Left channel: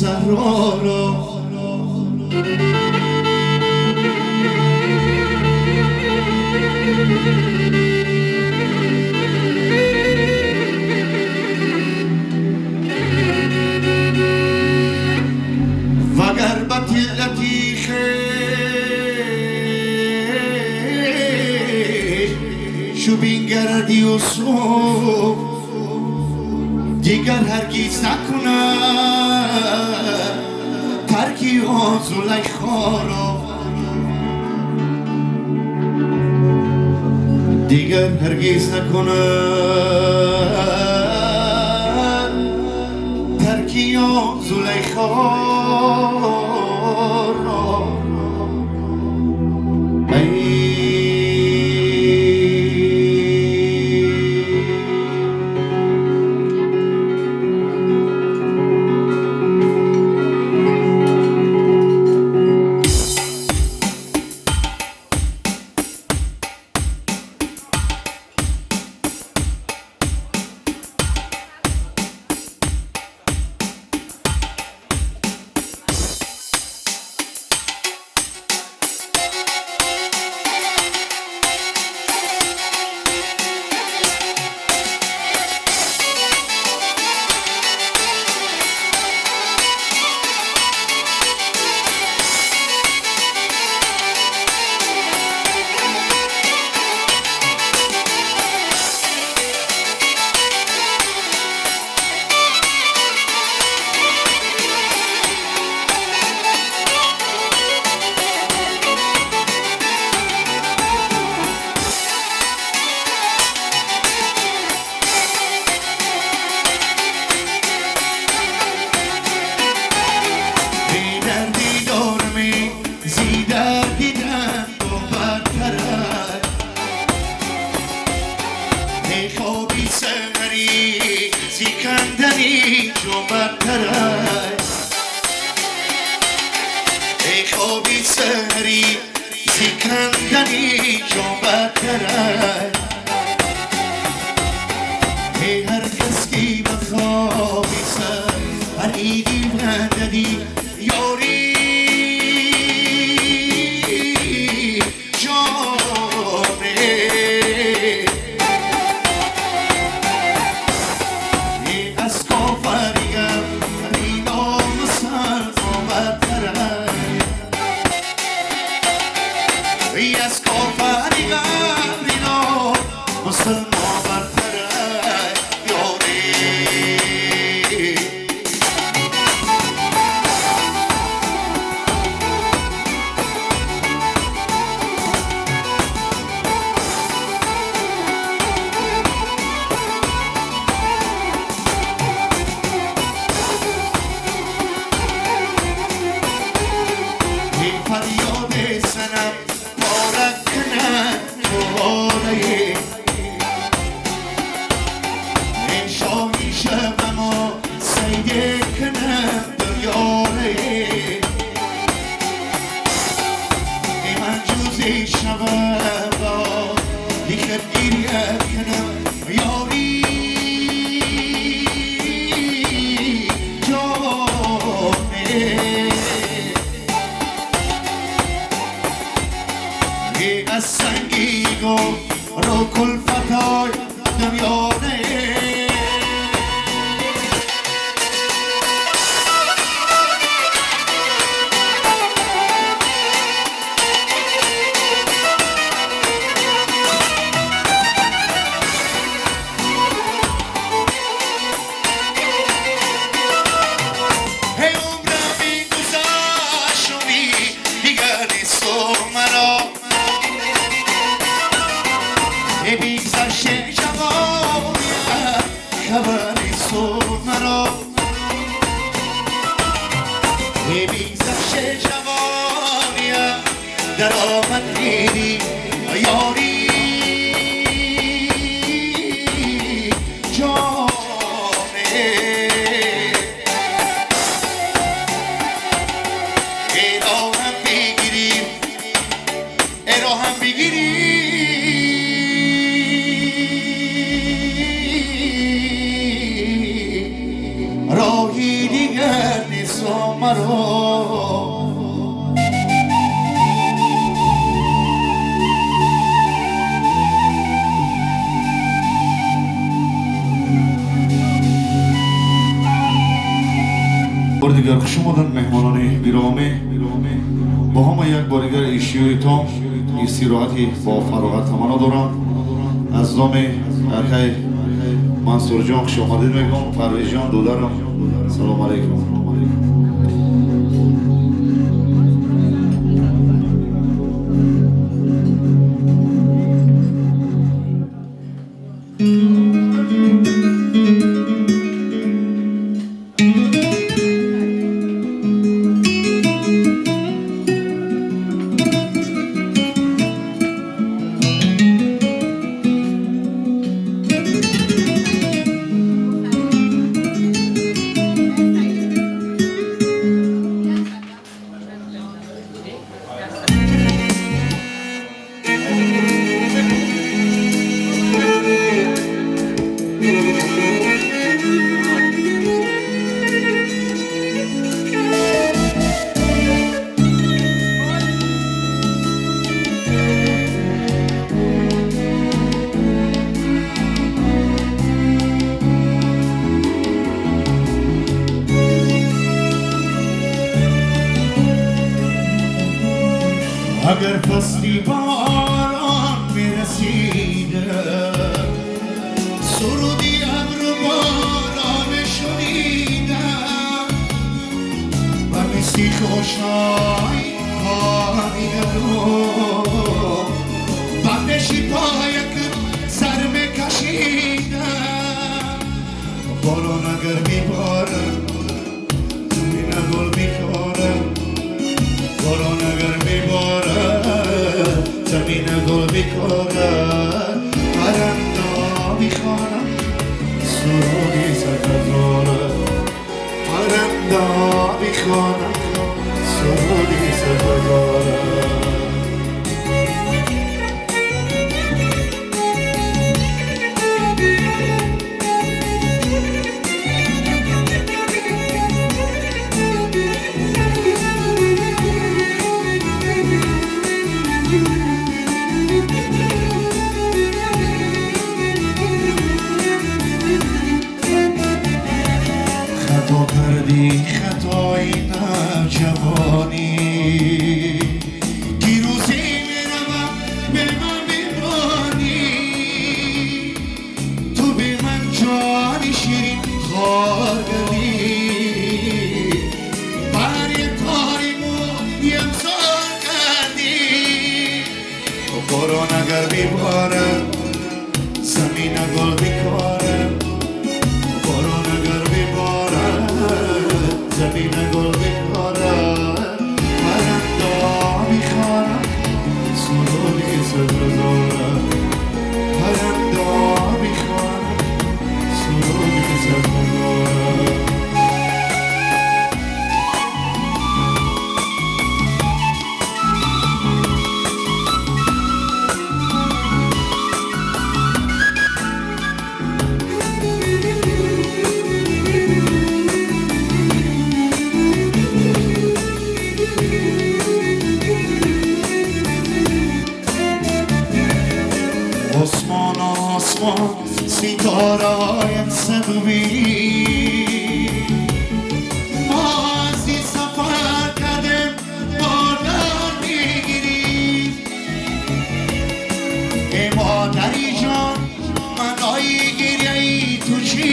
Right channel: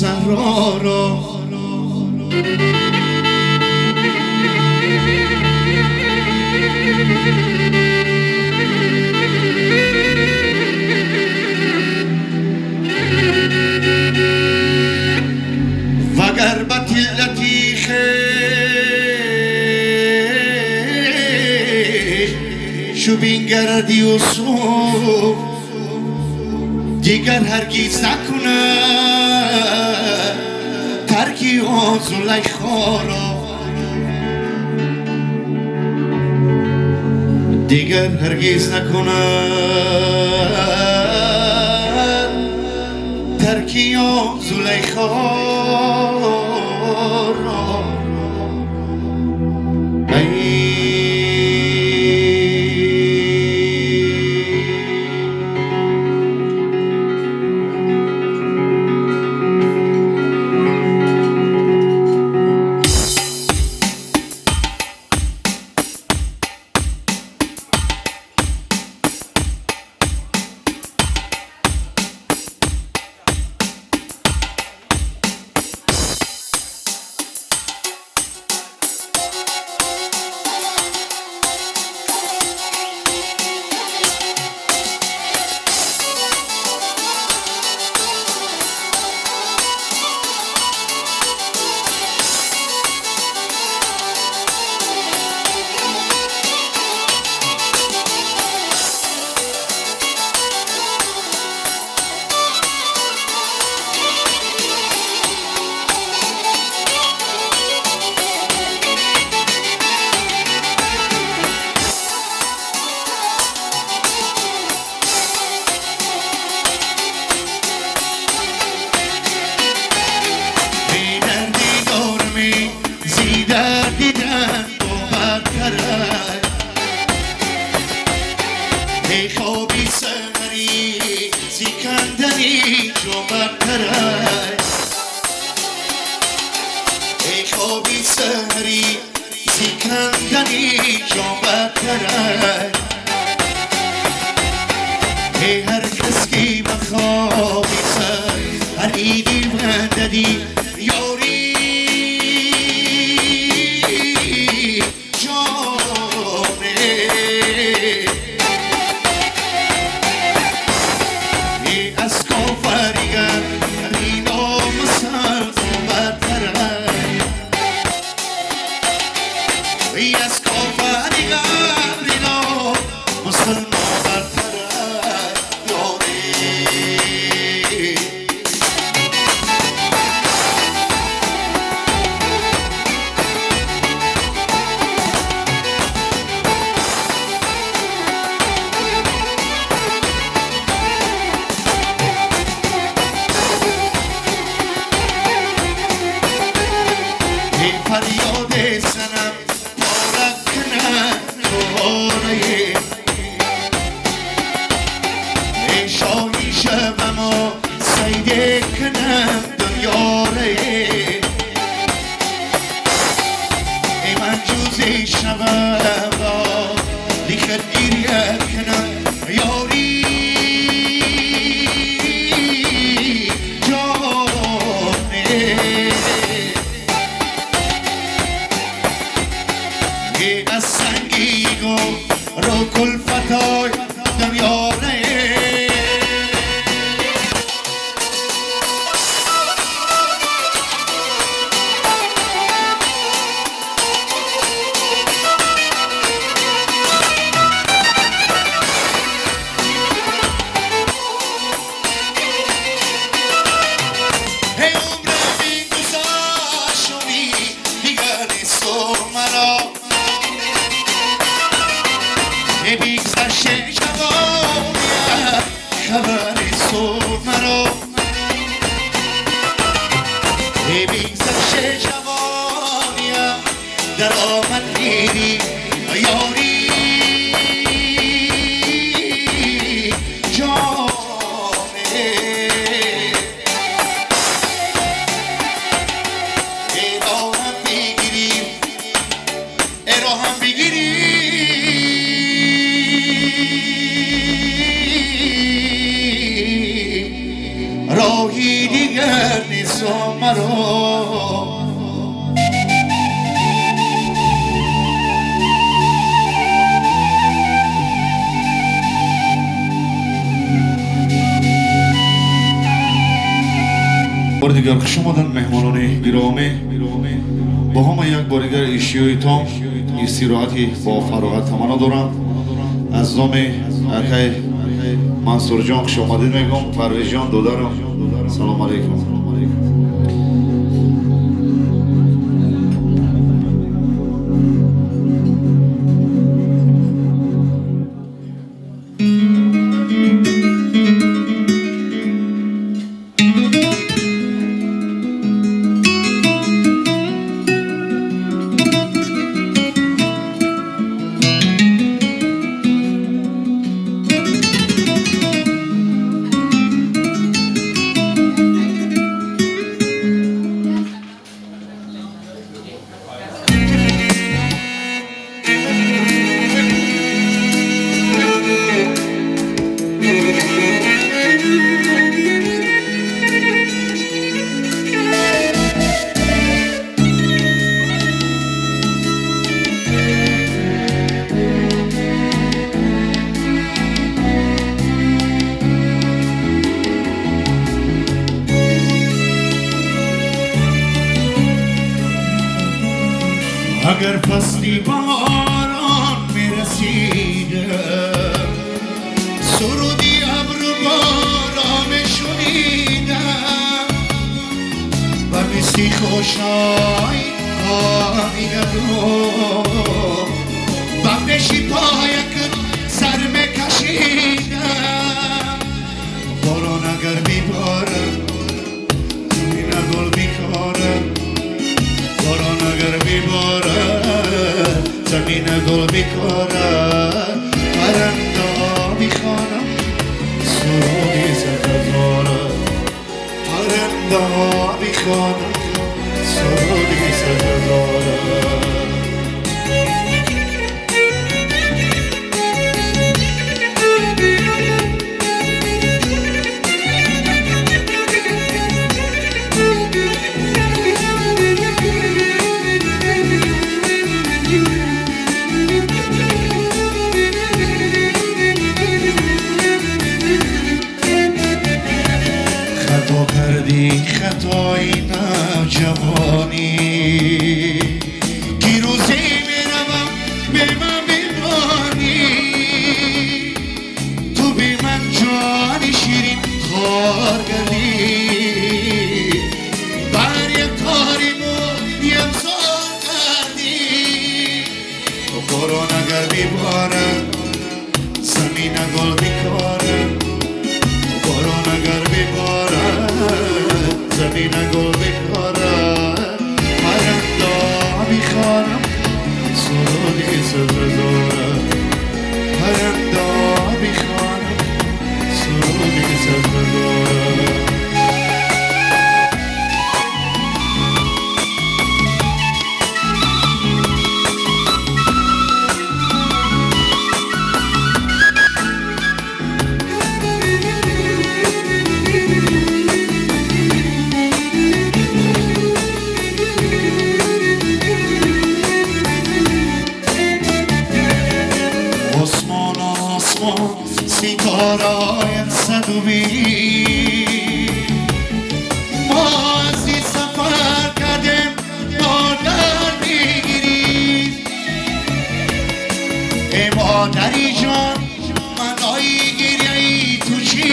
صحرا را وگر بطلتی شو بینگردی و صبح دیگر هرگیز نکنه ترکی آن زلیخا را دیگر هرگیز نکنه ترکی آن زلیخا را سکندری جمعت کرد ای خوابی سهری سکندری جمعت کرد ای هر کس که بخوابی سر هر ایدی مددی یاری فریاد سنم بارک کنن دوباره شاهی شبم و سیده کنن دنیاره من جوزی شبم را دیگر گیریت کنم یاری جانه از سنگین و رو کلفتای دمیانه ای عمرم این گذشت و دیگر نیست مرا بگذشت جوانیم خبری سر مرا بگذشت جوانیم در آمد میری یاری جانه ای راهم بگیری ای راهم بگیری راهی دیگر نیست دیگر خوش آمدن مهمانان گرامی. با همه یک بار دیگر ایشیویتان استراحتی با فراغت تمنا دارم. از نام اکای منصور جان خوش آمدید میگم. پرویز جان دولارم سلام علیکم. اگر فصلی باران میرسیده سرودی ابر باران میشنیدم و مثل خوشای آمیدو بندشی پایک سر میکشیدم باران اگر میباره زمین گل میکنه باران اگر میباره زمین گل میکنه پرنده میخوانم سرودی سرزاره پرنده میخوانم سرودی سرزاره خطا کردی خطای نوجوانی دیروزی میروم به من میمانی تو بی من جانی شیرین خوار کردی بر یک تاریمو یمزار کردی باران اگر میباره زمین گل میکاره باران اگر میباره زمین گل میکاره پرنده میخوانم سرودی سرزاره پرنده میخوانم سرودی سرزاره ستاره‌ایم صدومی ما از این سفر کردیم مادر میگیریم ای مادری جان منای گریه ای تو چی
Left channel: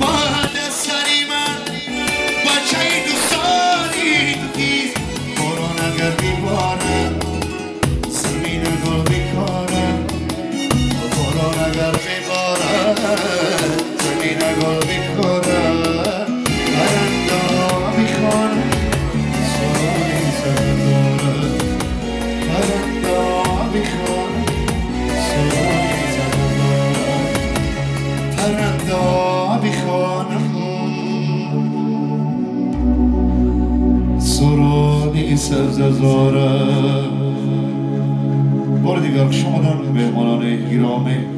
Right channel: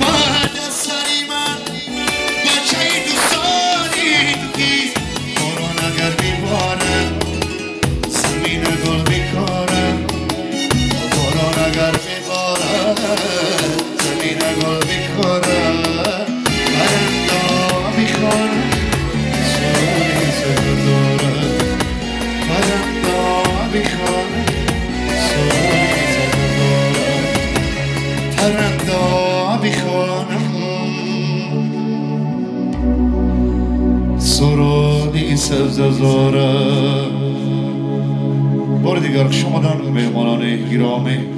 بعد از سری من بچه دوستانی نیست باران اگر میباره زمین گل میکنه باران اگر میباره زمین گل میکنه پرنده میخوانه سرودی سرزاره پرنده میخوانه سرودی سرزاره پرنده میخوانه سرودی سرزاره. بار دیگر شما مهمانان گرامی